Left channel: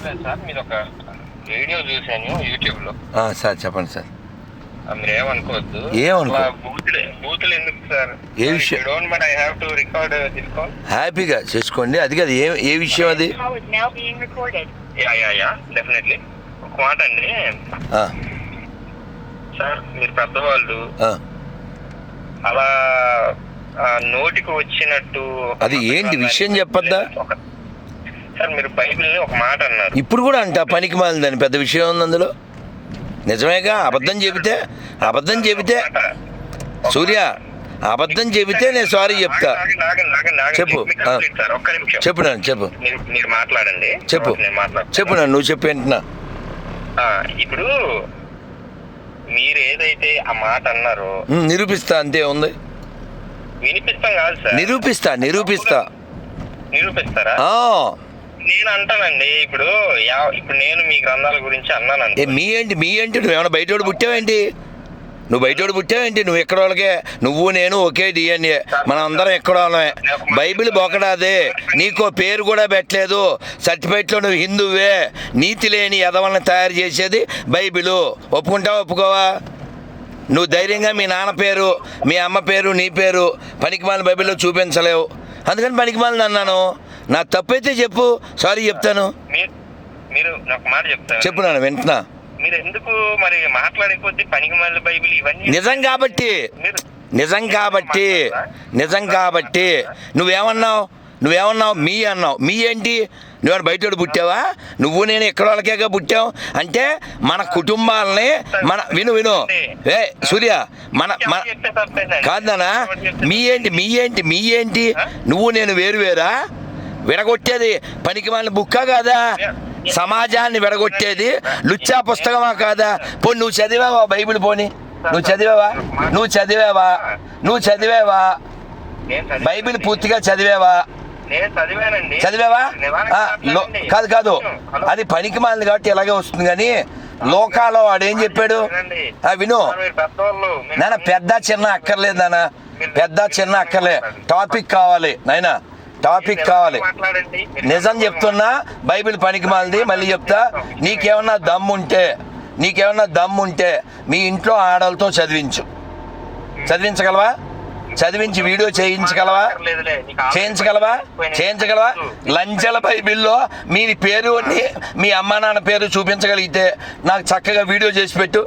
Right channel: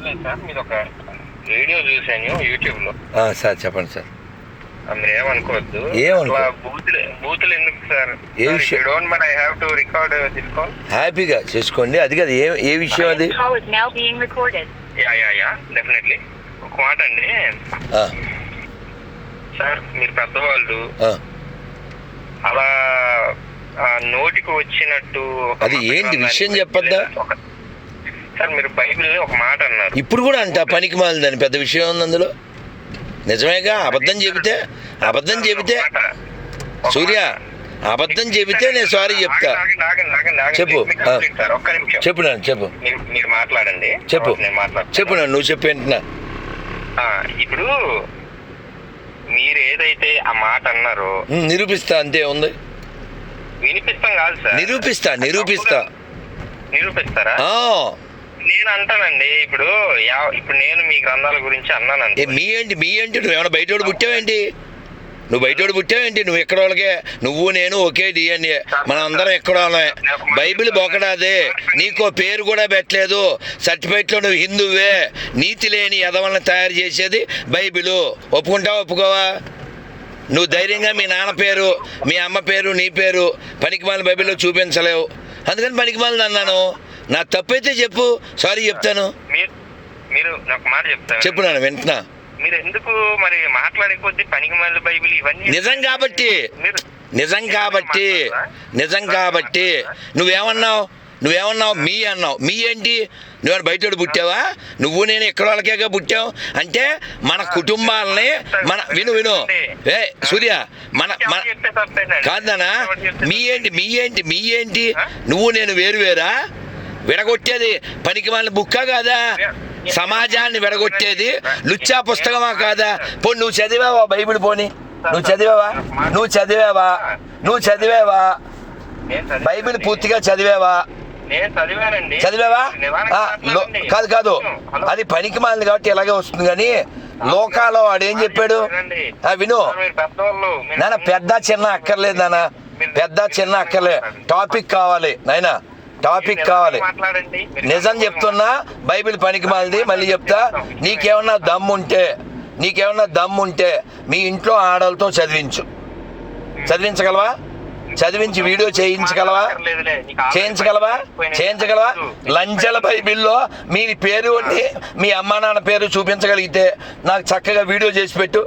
Sir మీరు ఒక video చూసాను యూట్యూబ్లో ఆ, సార్ చెప్పండి సార్. మీరు ఏమనుకోవద్దు. బూతులు ఎందుకు సార్? ఏ విషయం? Don't but I have to record this call హ్యాపీగా చేసుకోండి. అది కాదు ఏ ఏ విషయం అది. యా యా యా డెఫినెట్లీ ఒక మాట అండి. ఆ, సార్ మీరు పెద్దవాళ్ళు. ఆ. అలా ఆ, నోటికి వచ్చినట్టు అది ఏంటి? విషయం చెప్పొద్దా? సార్ మీరు బైబిల్ని ఒక మాట అన్నారు. ఇప్పుడు కూడా అంట పనికి మాలిందని. పెద్ద విషయం ఉంది అందులో? నిజమేగా? అబద్ధం చెబితే? అబద్ధం చెబితే? సూర్య. అబద్ధం చెబితే నేను సారీ చెప్తా. చెప్పు. చెప్పు నాన్న చెప్పు. మీరు మాట్లాడండి. చెప్పు. చెప్పు నాన్న నువ్వు చెప్పేంటున్నా ఆ, ఇప్పుడు మీరు ఏదైతే ఆ మాట అన్నారో నిరూపిస్తా అంతే ఉంది. వినిపిస్తాం కాదు సార్. నిరూపిస్తా నిరూపిస్తా. నిరూపిస్తారా? నేను అంటానండి ఇప్పుడు ఇప్పుడు నేను మీ గ్రంథాల గురించి అన్నానండి. మీ ఏంటి మీ ఏంటి? నువ్వు ఏమైనా బయటోడు పుట్టావేంటి? నువ్వు బయటోడు పుట్టావేంటి? నువ్వు ఎక్కడ వాళ్ళకే నువ్వు నేను ఒకే డిఎన్ఏ మనం అందరం ఎక్కడ వాళ్ళమే బైబిల్ బొకడాదే. నీకో పేరు కూడా పెట్టలేదు. సర్టిఫికెట్లో నువ్వు హిందువే. నీతి లేని ఎదవల్ని తయారు చేసేది బైబిలు. ఒప్పుకుంటావా ఒప్పుకోవా? నువ్వు ధైర్యంగా మీ నాన్న పేరు మీ అమ్మ పేరు నీ పేరు పనికిమాలిన బైబిల్లో చూపించలేవు. అందుకని పనికిమాలిన అన్నాను. నా తప్పైతే చెప్పు. సారీ చెప్తాను. మీరు నాకు మాట చెప్తారు? చెప్పు నాన్న వింటున్నా మీరు ఎందుకు మరి పనికి మళ్ళీ బైబిల్ ఇవన్నీ నిజం కాబట్టి. నిజం కాబట్టి. నిజం కాబట్టి. నువ్వేమన్నావు? నువ్వేమన్నావు? మీ అన్నావు. మీ ఏంటి? నువ్వు బయటోడు పుట్టావా? నువ్వు నేను ఎక్కడ వాళ్ళకేగా పుట్టావు? అంటే మన కుటుంబాలని మన విను విను. ఏ సూర్య మన మన ఎవరు చెప్తే తప్పేనండి. కాదు నాన్న. ఎవరు చెప్తే మీ ఏంటి? మీ ఏంటి? మీ ఏంటి? నువ్వు నేను వేరు వేరా? విడగొట్టేది పనికి వాళ్ళ బుక్క కాదా? సమాజాన్ని విడగొట్టేది లుచ్చా పుస్తకమా కాదా? పో నువ్వు చదివావా బైబిల్ పోని? నువ్వు చదివావా? నువ్వు చదివావా? నువ్వు చదివావా? బైబిల్ పూర్తిగా చదివావా? చదివావా? లో- కాదు కాదు. అది పనికి మాలింది కాబట్టి ఇలాగే వస్తుంది కానీ లోకాలో వాడు ఏం చెప్పాడు? ఆ, విను. నాన్న పెద్ద చిన్న అక్కర్లేదు నాన్న. పెద్ద చిన్న అక్కర్లే. టాపిక్ కావాలి నాయనా. టాపిక్ కావాలి. నిజం చెప్తున్నా బైబిల్ పనికి మాలింది మళ్ళీ చెప్తా నీకేమన్నా దమ్ముంటే నీకేమన్నా దమ్ముంటే మీ ఇంట్లో ఆడలతో చదివించు. చదివించగలవా? చదివించి వీడియో చేయించగలవా? చేయించగలవా. చేయించగలవా? లంచల బైబిల్లో మీ పేరు మీ అమ్మా నాన్న పేరు చూపించగలిగితే నాకు చక్కగా వీడియో చేసి పెట్టు.